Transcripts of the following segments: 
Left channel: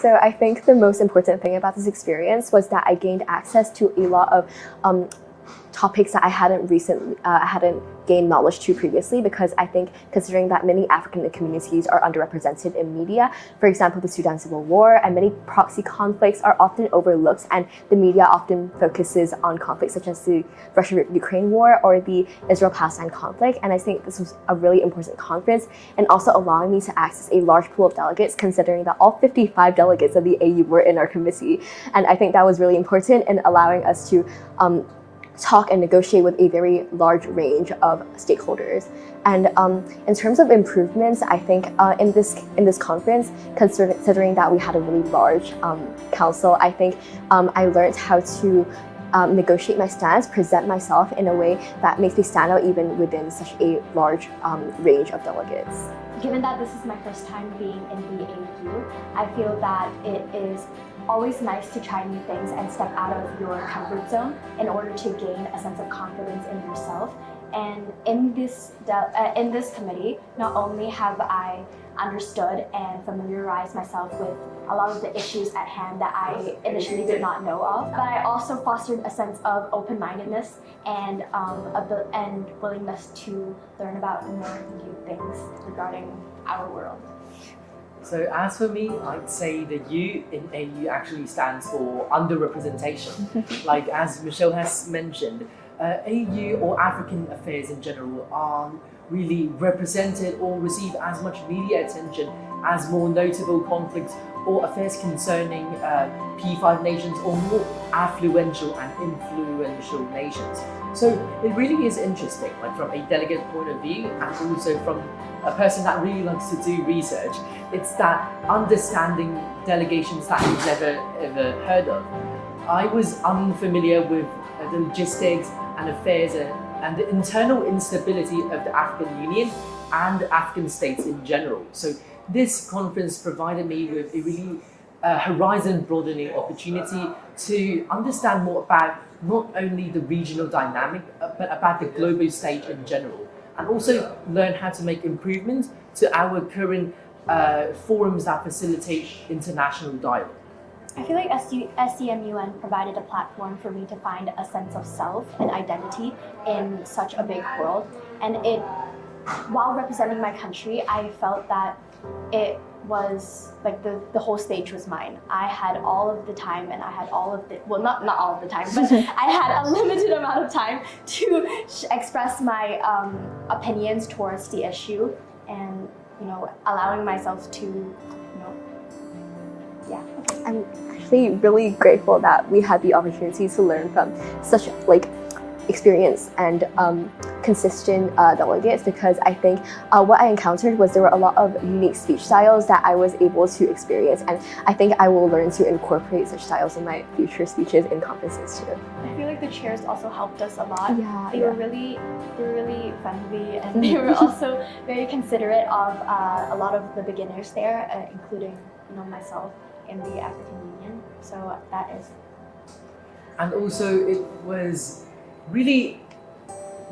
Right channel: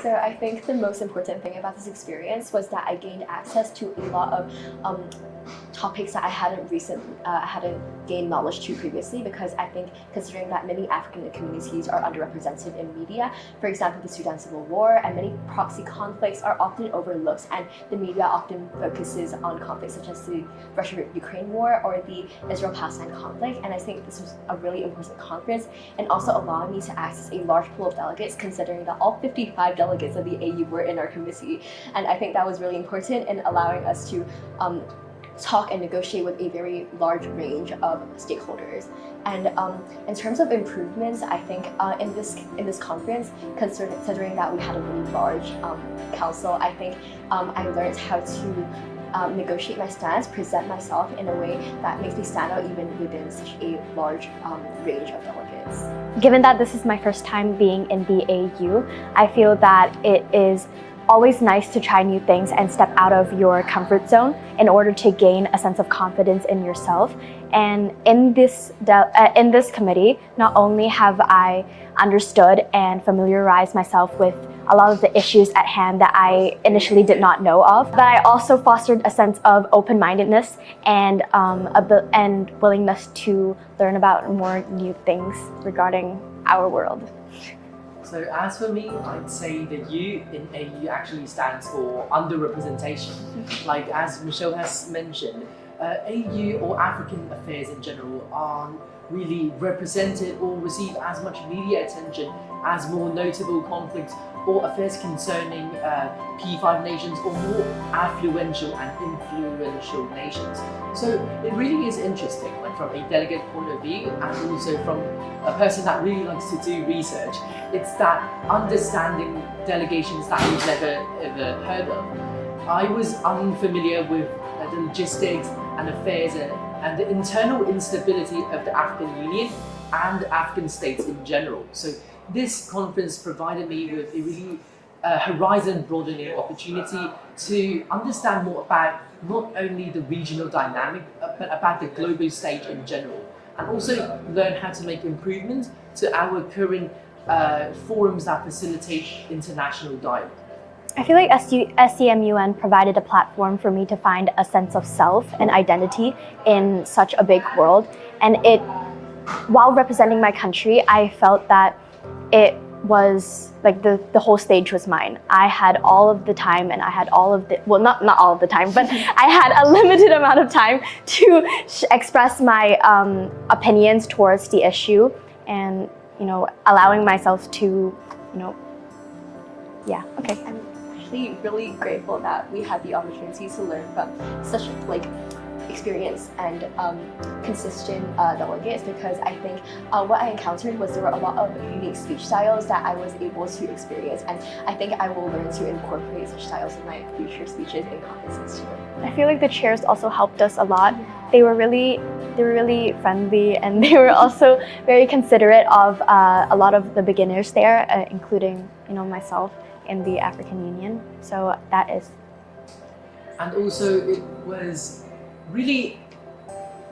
So I think the most important thing about this experience was that I gained access to a lot of topics that I hadn't gained knowledge to previously, because I think considering that many African communities are underrepresented in media, for example, the Sudan Civil War and many proxy conflicts are often overlooked, and the media often focuses on conflicts such as the Russia-Ukraine war or the Israel-Palestine conflict. And I think this was a really important conference, and also allowing me to access a large pool of delegates, considering that all 55 delegates of the AU were in our committee. And I think that was really important in allowing us to talk and negotiate with a very large range of stakeholders. And in terms of improvements, I think in this conference, considering that we had a really large council, I think I learned how to negotiate my stance, present myself in a way that makes me stand out even within such a large range of delegates. Given that this is my first time being in the AU, I feel that it is always nice to try new things and step out of your comfort zone in order to gain a sense of confidence in yourself. And in this committee, not only have I understood and familiarized myself with a lot of the issues at hand that I initially did not know of, but I also fostered a sense of open-mindedness and willingness to learn about more new things regarding our world. So as for me, I'd say the U in AU actually stands for underrepresentation. Like as Michelle has mentioned, AU or African affairs in general aren't really represented or receive as much media attention as more notable conflicts or affairs concerning P5 nations or more affluential and influential nations. So it really is interesting, like from a delegate point of view and also from a person that really likes to do research. It's that understanding delegations that we've never ever heard of. I was unfamiliar with the logistics and affairs and the internal instability of the African Union and African states in general. So this conference provided me with a really horizon broadening opportunity to understand more about not only the regional dynamic, but about the global stage in general, and also learn how to make improvements to our current forums that facilitate international dialogue. I feel like SCMUN provided a platform for me to find a sense of self and identity in such a big world. And while representing my country, I felt that it was like the whole stage was mine. I had all of the time, and I had all of the, well, not all of the time, but I had a limited amount of time to express my opinions towards the issue, and allowing myself to, yeah, okay. I'm actually really grateful that we had the opportunity to learn from such experienced and consistent delegates, because I think what I encountered was there were a lot of unique speech styles that I was able to experience, and I think I will learn to incorporate such styles in my future speeches and conferences too. I feel like the chairs also helped us a lot. Yeah. They were really friendly, and they were also very considerate of a lot of the beginners there, including myself in the African Union. So that is. And also it was really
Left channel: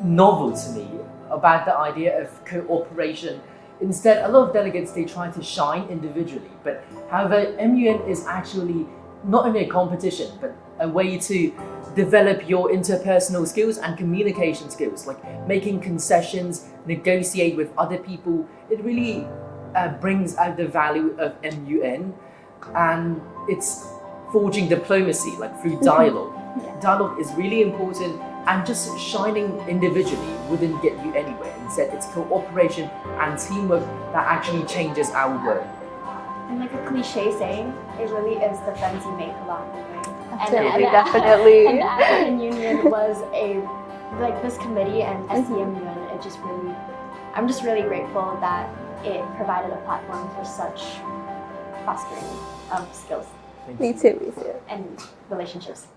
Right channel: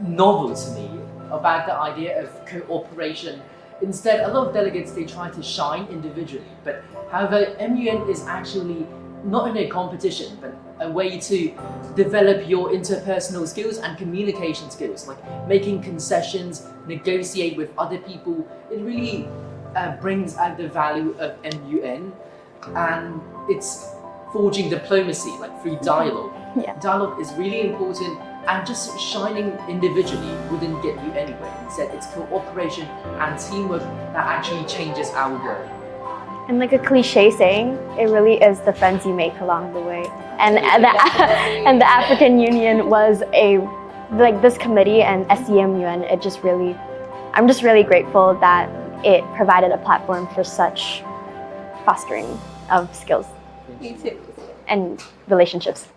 novel to me about the idea of cooperation. Instead, a lot of delegates, they try to shine individually, but however, MUN is actually not only a competition, but a way to develop your interpersonal skills and communication skills, like making concessions, negotiate with other people. It really brings out the value of MUN, and it's forging diplomacy, like through dialogue. Yeah. Dialogue is really important, and just shining individually wouldn't get you anywhere. Instead, it's cooperation and teamwork that actually changes our world. And like a cliche saying, it really is the friends you make along the way. Definitely. And the African Union was this committee and SCMUN, I'm just really grateful that it provided a platform for such fostering of skills Me too. and relationships.